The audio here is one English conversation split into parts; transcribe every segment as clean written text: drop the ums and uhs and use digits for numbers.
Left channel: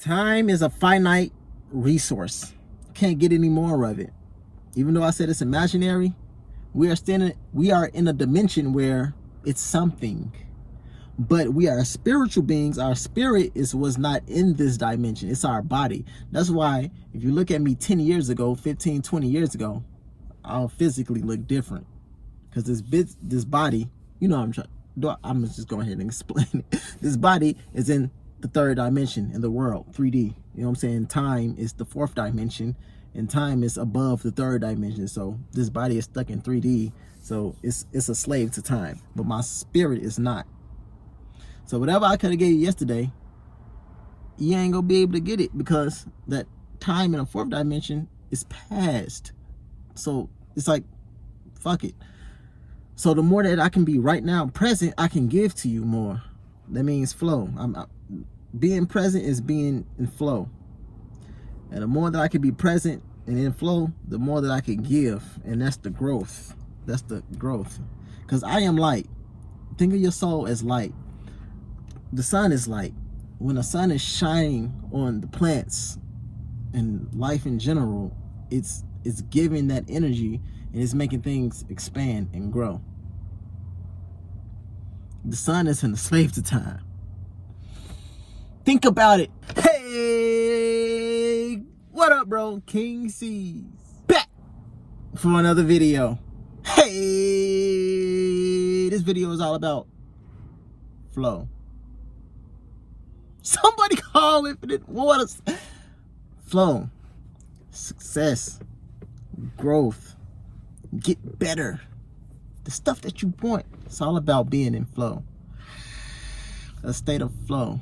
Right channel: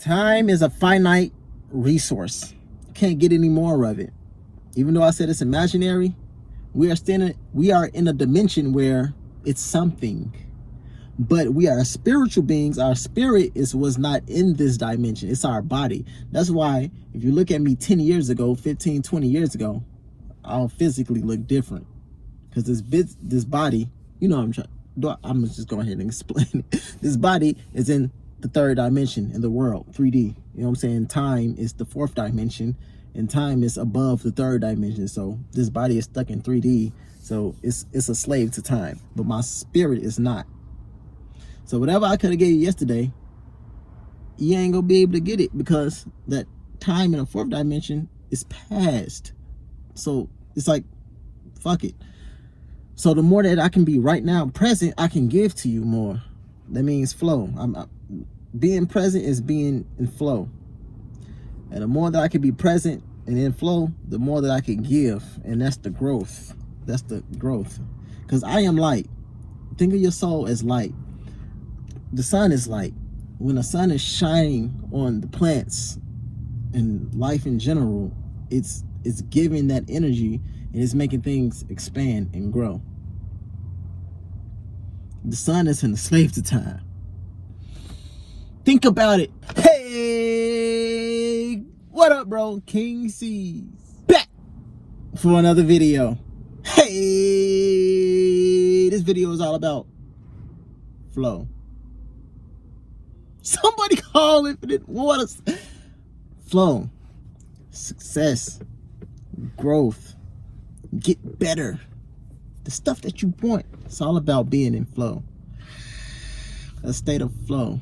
Time is a finite resource. Can't get any more of it. Even though I said it's imaginary, we are in a dimension where it's something. But we are spiritual beings. Our spirit was not in this dimension. It's our body. That's why if you look at me 10 years ago, 15, 20 years ago, I'll physically look different. Because this body, you know, I'm just go ahead and explain it. This body is in the third dimension in the world, 3D. You know what I'm saying? Time is the fourth dimension, and time is above the third dimension. So this body is stuck in 3D. So it's a slave to time. But my spirit is not. So whatever I could have gave you yesterday, you ain't gonna be able to get it because that time in the fourth dimension is past. So it's like, fuck it. So the more that I can be right now present, I can give to you more. That means flow. Being present is being in flow. And the more that I can be present and in flow, the more that I can give. And that's the growth. That's the growth. Because I am light. Think of your soul as light. The sun is light. When the sun is shining on the plants and life in general, it's giving that energy and it's making things expand and grow. The sun isn't a slave to time. Think about it. Hey, what up, bro? King C's back for another video. Hey, this video is all about flow. Somebody call infinite waters. Flow, success, growth, get better. The stuff that you want. It's all about being in flow. A state of flow.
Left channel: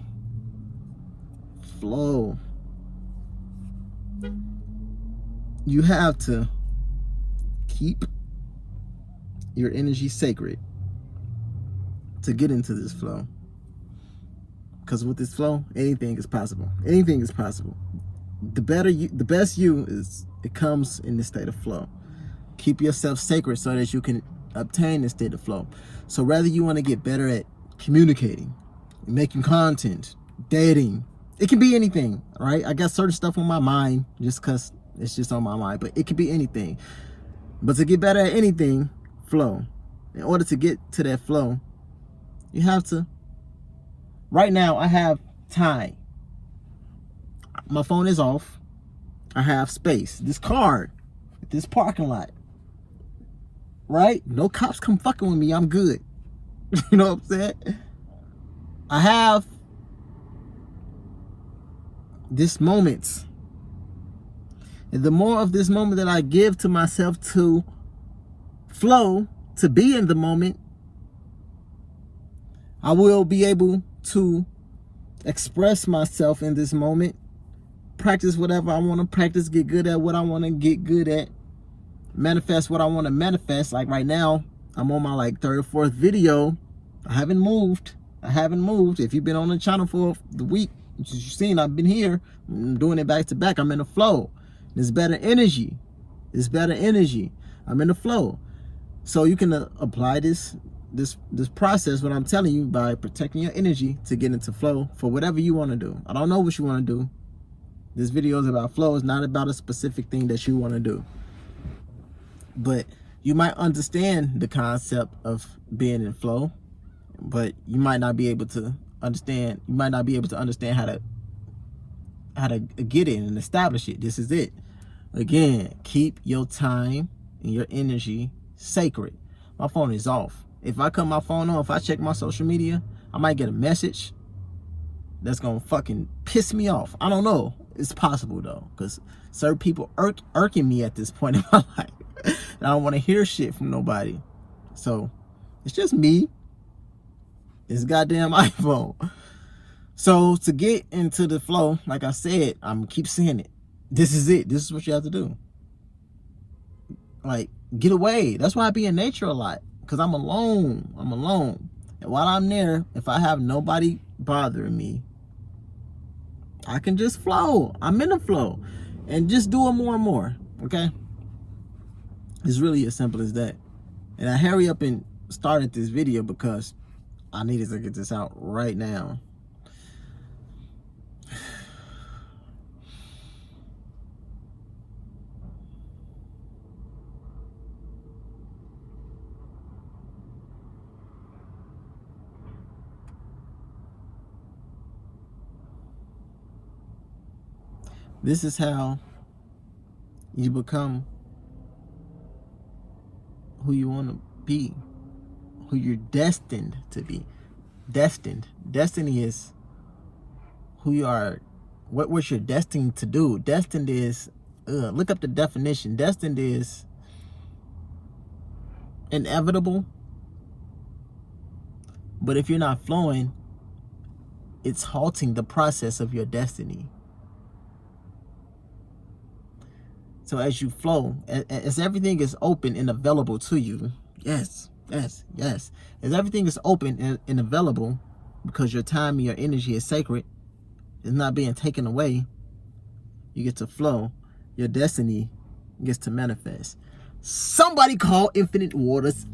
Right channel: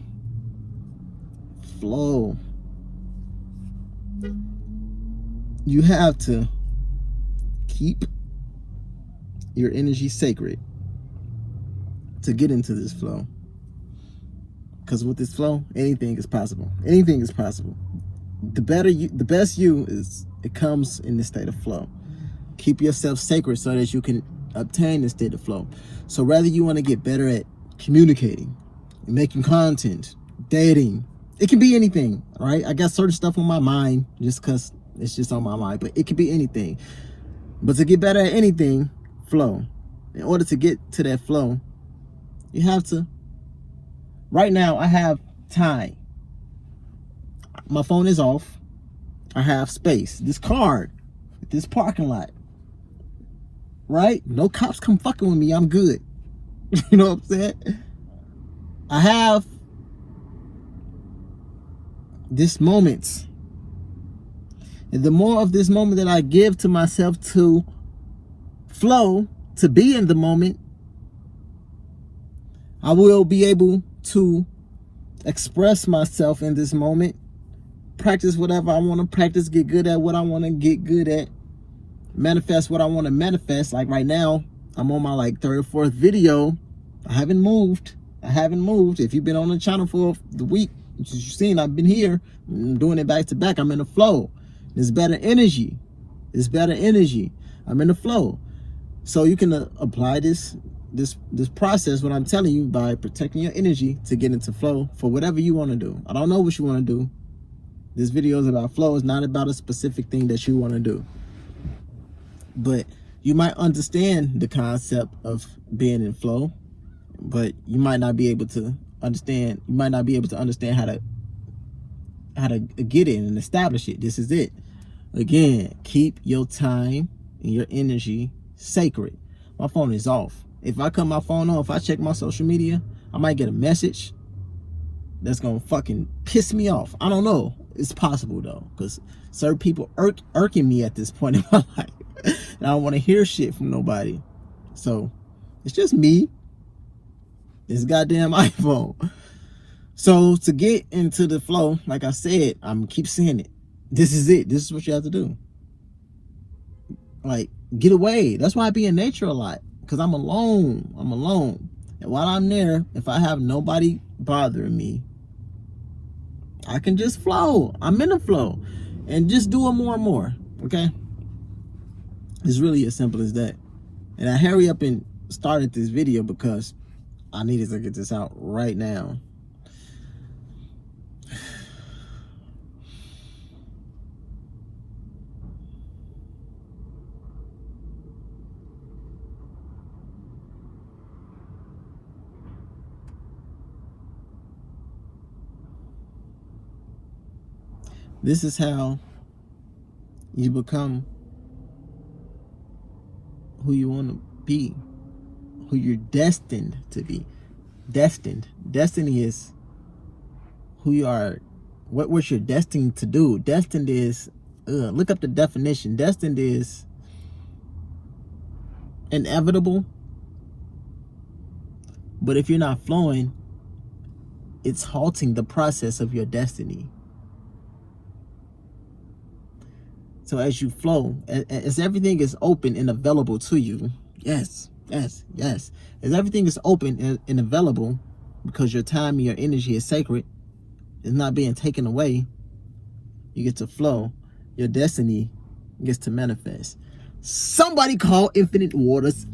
Flow. You have to keep your energy sacred to get into this flow. Because with this flow, anything is possible. Anything is possible. The best you is, it comes in this state of flow. Keep yourself sacred so that you can obtain this state of flow. So whether you want to get better at communicating, making content, dating, it can be anything, right? I got certain stuff on my mind just because it's just on my mind, but it can be anything. But to get better at anything, flow. In order to get to that flow, you have to. Right now, I have time. My phone is off. I have space. This car, this parking lot, right? No cops come fucking with me. I'm good. You know what I'm saying? I have this moment. And the more of this moment that I give to myself to flow, to be in the moment, I will be able to express myself in this moment, practice whatever I want to practice, get good at what I want to get good at, manifest what I want to manifest. Like right now, I'm on my like third or fourth video. I haven't moved. If you've been on the channel for the week, you've seen I've been here. I'm doing it back to back. I'm in the flow. There's better energy. I'm in the flow. So you can apply this process, what I'm telling you, by protecting your energy to get into flow for whatever you want to do. I don't know what you want to do. This video is about flow. It's not about a specific thing that you want to do. But you might understand the concept of being in flow, but you might not be able to understand. You might not be able to understand how to get it and establish it. This is it. Again, keep your time and your energy sacred. My phone is off. If I cut my phone off, if I check my social media, I might get a message that's gonna fucking piss me off. I don't know. It's possible though, because certain people irking me at this point in my life. And I don't want to hear shit from nobody. So it's just me. This goddamn iPhone. So to get into the flow, like I said, I'm keep saying it. This is it. This is what you have to do. Like, get away. That's why I be in nature a lot. Because I'm alone. And while I'm there, if I have nobody bothering me, I can just flow. I'm in the flow. And just do it more and more. Okay? It's really as simple as that. And I hurry up and started this video because I needed to get this out right now. This is how you become who you want to be, who you're destined to be. Destined. Destiny is who you are, what you're destined to do. Destined is, look up the definition. Destined is inevitable. But if you're not flowing, it's halting the process of your destiny. So as you flow, as everything is open and available to you, yes. As everything is open and available, because your time and your energy is sacred, it's not being taken away, you get to flow. Your destiny gets to manifest. Somebody call Infinite Waters.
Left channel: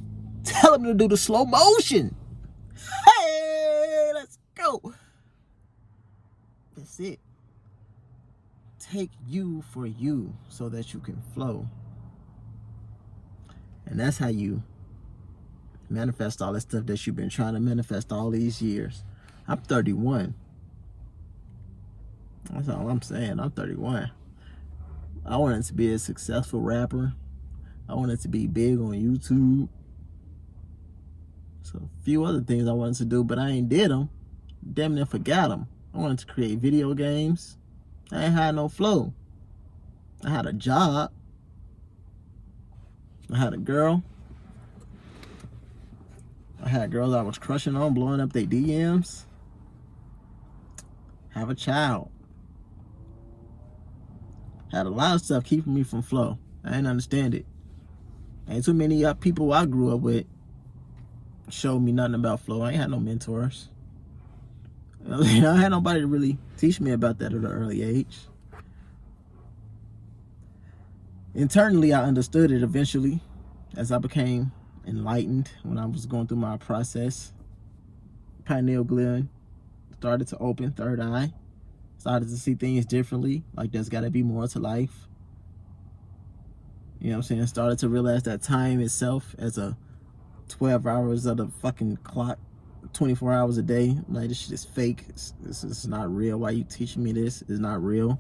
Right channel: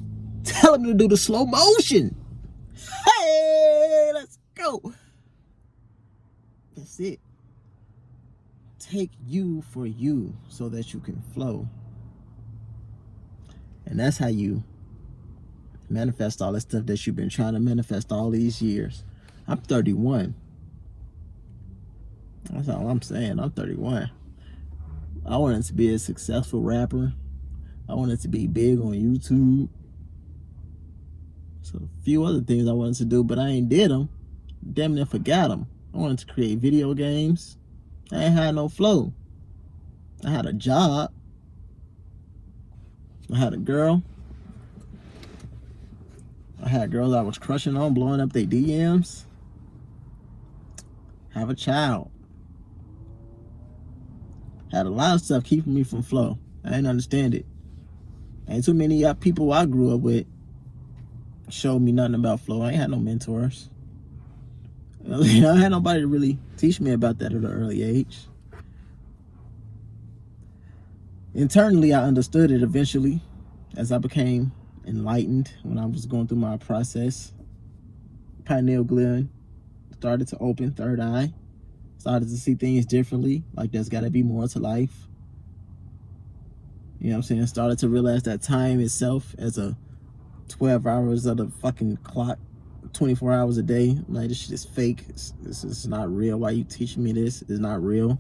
Tell them to do the slow motion. Hey, let's go. That's it. Take you for you so that you can flow. And that's how you manifest all that stuff that you've been trying to manifest all these years. I'm 31. That's all I'm saying. I'm 31. I wanted to be a successful rapper. I wanted to be big on YouTube. So a few other things I wanted to do, but I ain't did them. Damn near forgot them. I wanted to create video games. I ain't had no flow. I had a job. I had a girl. I had girls I was crushing on, blowing up their DMs. Have a child. Had a lot of stuff keeping me from flow. I didn't understand it. Ain't too many people I grew up with showed me nothing about flow. I ain't had no mentors. I had nobody to really teach me about that at an early age. Internally, I understood it eventually as I became enlightened when I was going through my process. Pineal gland started to open, third eye. Started to see things differently, like there's got to be more to life. You know what I'm saying? Started to realize that time itself as a 12 hours of the fucking clock, 24 hours a day. I'm like, this shit is fake. This is not real. Why you teaching me this? It's not real.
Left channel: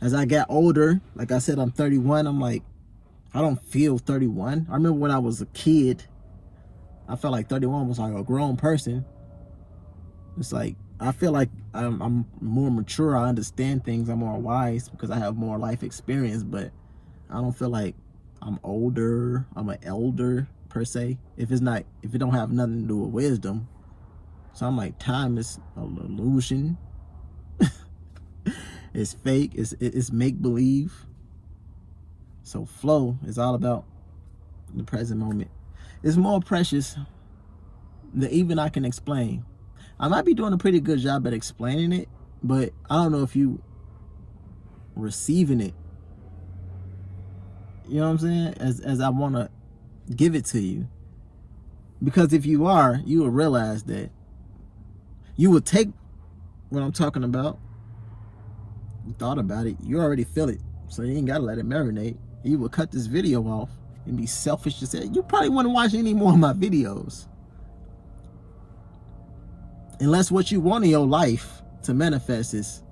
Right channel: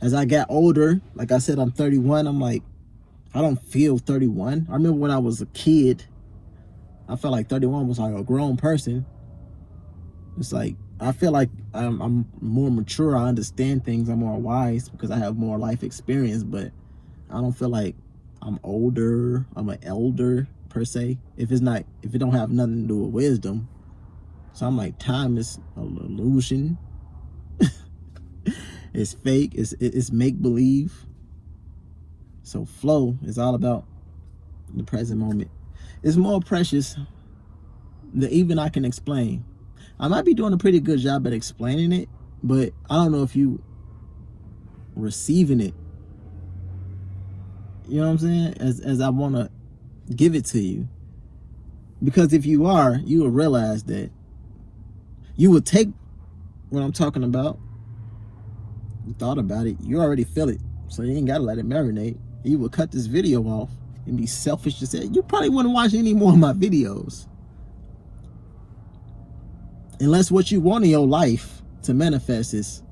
As I got older, like I said, I'm 31. I'm like, I don't feel 31. I remember when I was a kid, I felt like 31 was like a grown person. It's like, I feel like I'm more mature. I understand things. I'm more wise because I have more life experience, but I don't feel like I'm older. I'm an elder per se. If it don't have nothing to do with wisdom. So I'm like, time is an illusion. It's fake. It's make-believe. So flow is all about the present moment. It's more precious than even I can explain. I might be doing a pretty good job at explaining it, but I don't know if you receiving it. You know what I'm saying? As I want to give it to you. Because if you are, you will realize that you will take what I'm talking about. You thought about it. You already feel it. So you ain't got to let it marinate. You will cut this video off and be selfish to say, you probably wouldn't watch any more of my videos. Unless what you want in your life to manifest is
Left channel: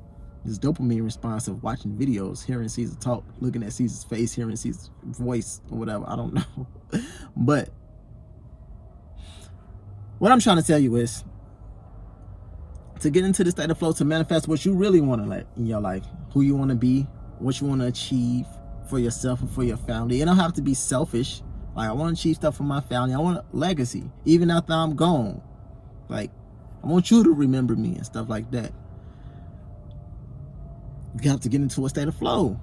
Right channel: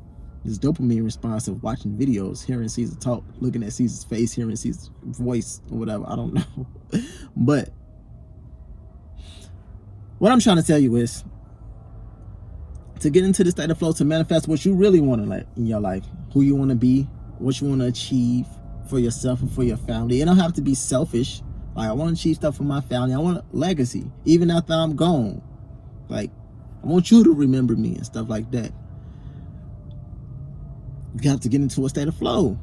this dopamine response of watching videos, hearing Caesar talk, looking at Caesar's face, hearing Caesar's voice or whatever. I don't know. But what I'm trying to tell you is to get into the state of flow, to manifest what you really want to in your life, who you want to be, what you want to achieve for yourself and for your family. You don't have to be selfish. Like, I want to achieve stuff for my family. I want a legacy, even after I'm gone. Like, I want you to remember me and stuff like that. You have to get into a state of flow.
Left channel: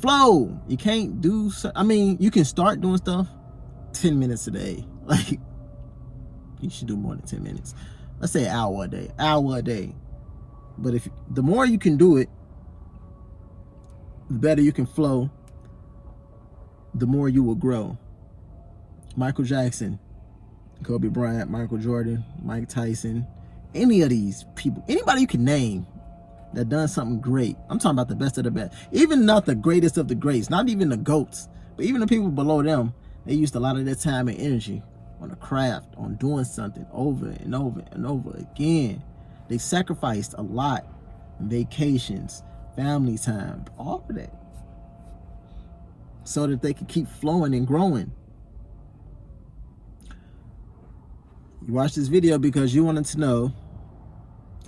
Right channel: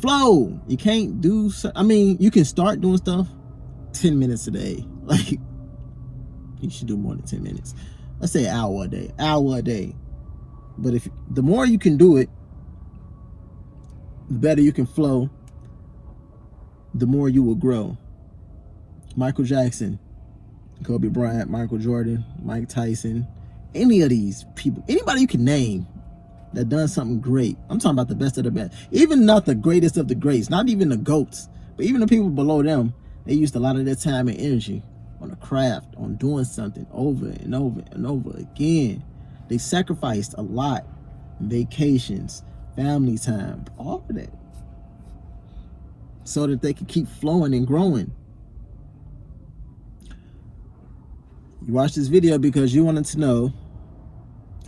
Flow. You can't do, I mean, you can start doing stuff 10 minutes a day. Like, you should do more than 10 minutes. Let's say an hour a day. But if the more you can do it, the better you can flow, the more you will grow. Michael Jackson, Kobe Bryant, Michael Jordan, Mike Tyson, any of these people, anybody you can name that done something great. I'm talking about the best of the best. Even not the greatest of the greats, not even the GOATs, but even the people below them, they used a lot of their time and energy on a craft, on doing something over and over and over again. They sacrificed a lot. Vacations, family time, all of that, so that they can keep flowing and growing. You watch this video because you wanted to know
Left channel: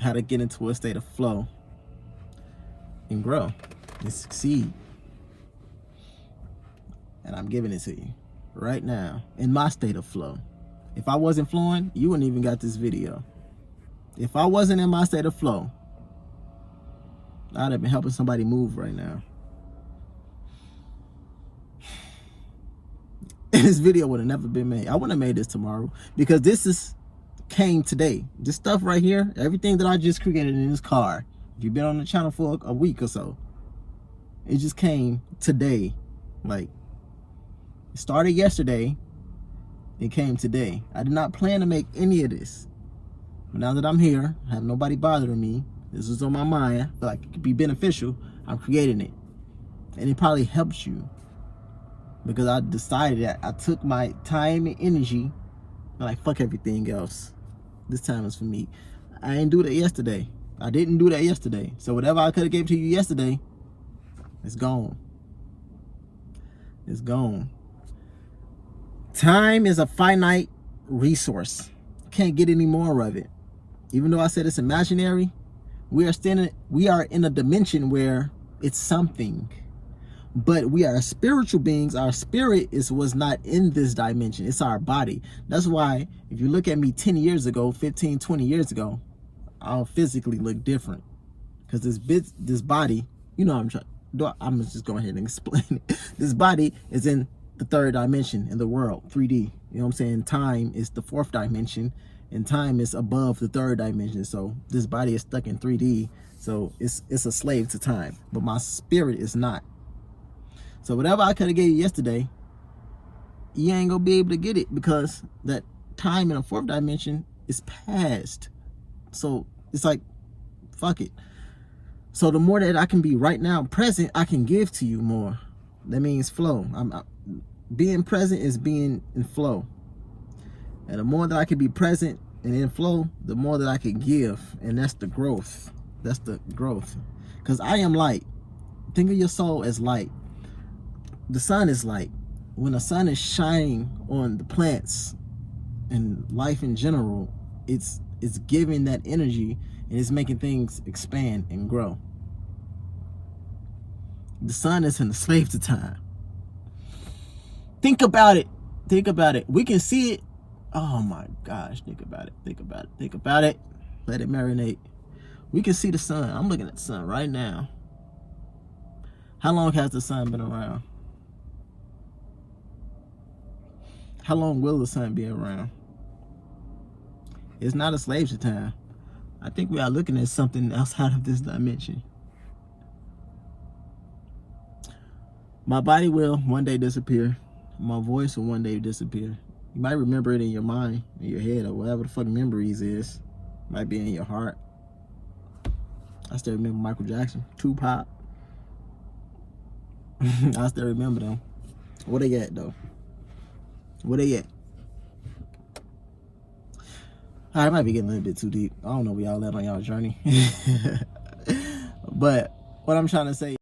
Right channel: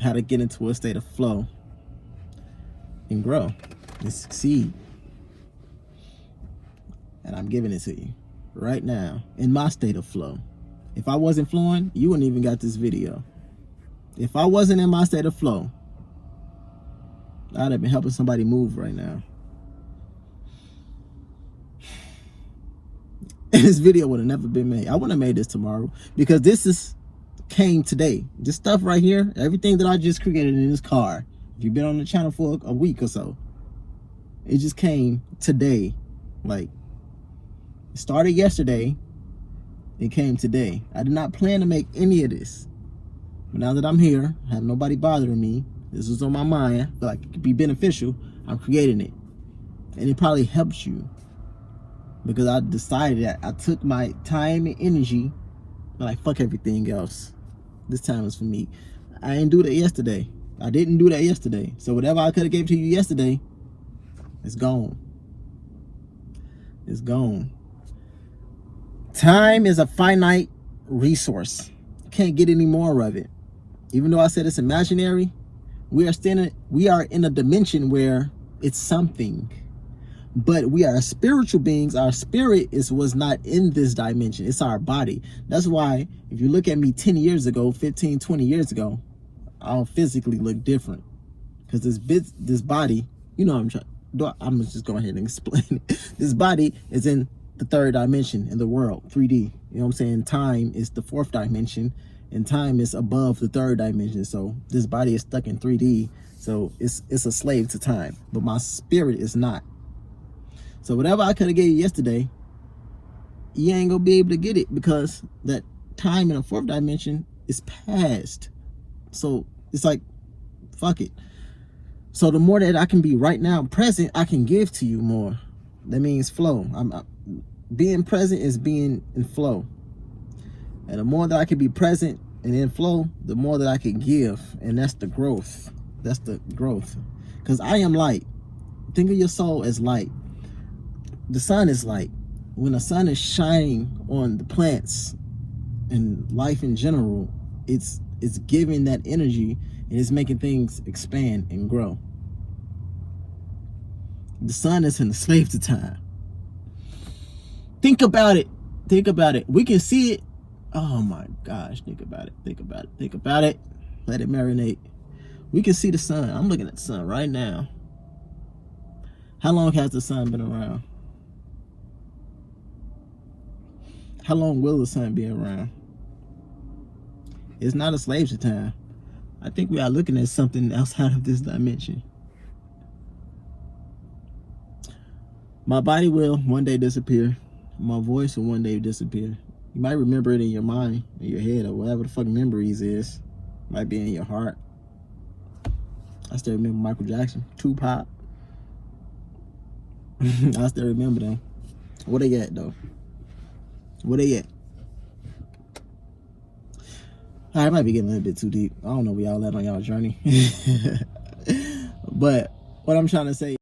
how to get into a state of flow and grow and succeed. And I'm giving it to you right now in my state of flow. If I wasn't flowing, you wouldn't even got this video. If I wasn't in my state of flow, I'd have been helping somebody move right now. And this video would have never been made. I wouldn't have made this tomorrow because this came today. This stuff right here, everything that I just created in this car, if you've been on the channel for a week or so, it just came today. Like, it started yesterday, it came today. I did not plan to make any of this. But now that I'm here, I have nobody bothering me, this was on my mind, I feel like it could be beneficial, I'm creating it. And it probably helps you. Because I decided that I took my time and energy, and like, fuck everything else. This time is for me. I didn't do that yesterday. I didn't do that yesterday. So whatever I could have gave to you yesterday, it's gone. It's gone. Time is a finite resource. You can't get any more of it. Even though I said it's imaginary, we are in a dimension where it's something. But we are spiritual beings. Our spirit was not in this dimension. It's our body. That's why if you look at me 10 years ago, 15, 20 years ago, I'll physically look different. Because this body, you know, I'm gonna just go ahead and explain it. This body is in the third dimension in the world, 3D. You know what I'm saying? Time is the fourth dimension, and time is above the third dimension. So this body is stuck in 3D. So it's a slave to time. But my spirit is not. So whatever I could have gave you yesterday, you ain't gonna be able to get it because that time in the fourth dimension is past. So it's like, fuck it. So the more that I can be right now present, I can give to you more. That means flow. Being present is being in flow. And the more that I can be present and in flow, the more that I can give. And that's the growth. That's the growth. Because I am light. Think of your soul as light. The sun is light. When the sun is shining on the plants and life in general, it's giving that energy and it's making things expand and grow. The sun isn't a slave to time. Think about it. Think about it. We can see it. Oh my gosh. Think about it. Think about it. Think about it. Let it marinate. We can see the sun. I'm looking at the sun right now. How long has the sun been around? How long will the sun be around? It's not a slave to time. I think we are looking at something outside of this dimension. My body will one day disappear. My voice will one day disappear. You might remember it in your mind, in your head, or whatever the fuck memories is. Might be in your heart. I still remember Michael Jackson, Tupac. I still remember them. Where they at though? Where they at? I might be getting a little bit too deep. I don't know where y'all at on y'all journey. But what I'm trying to say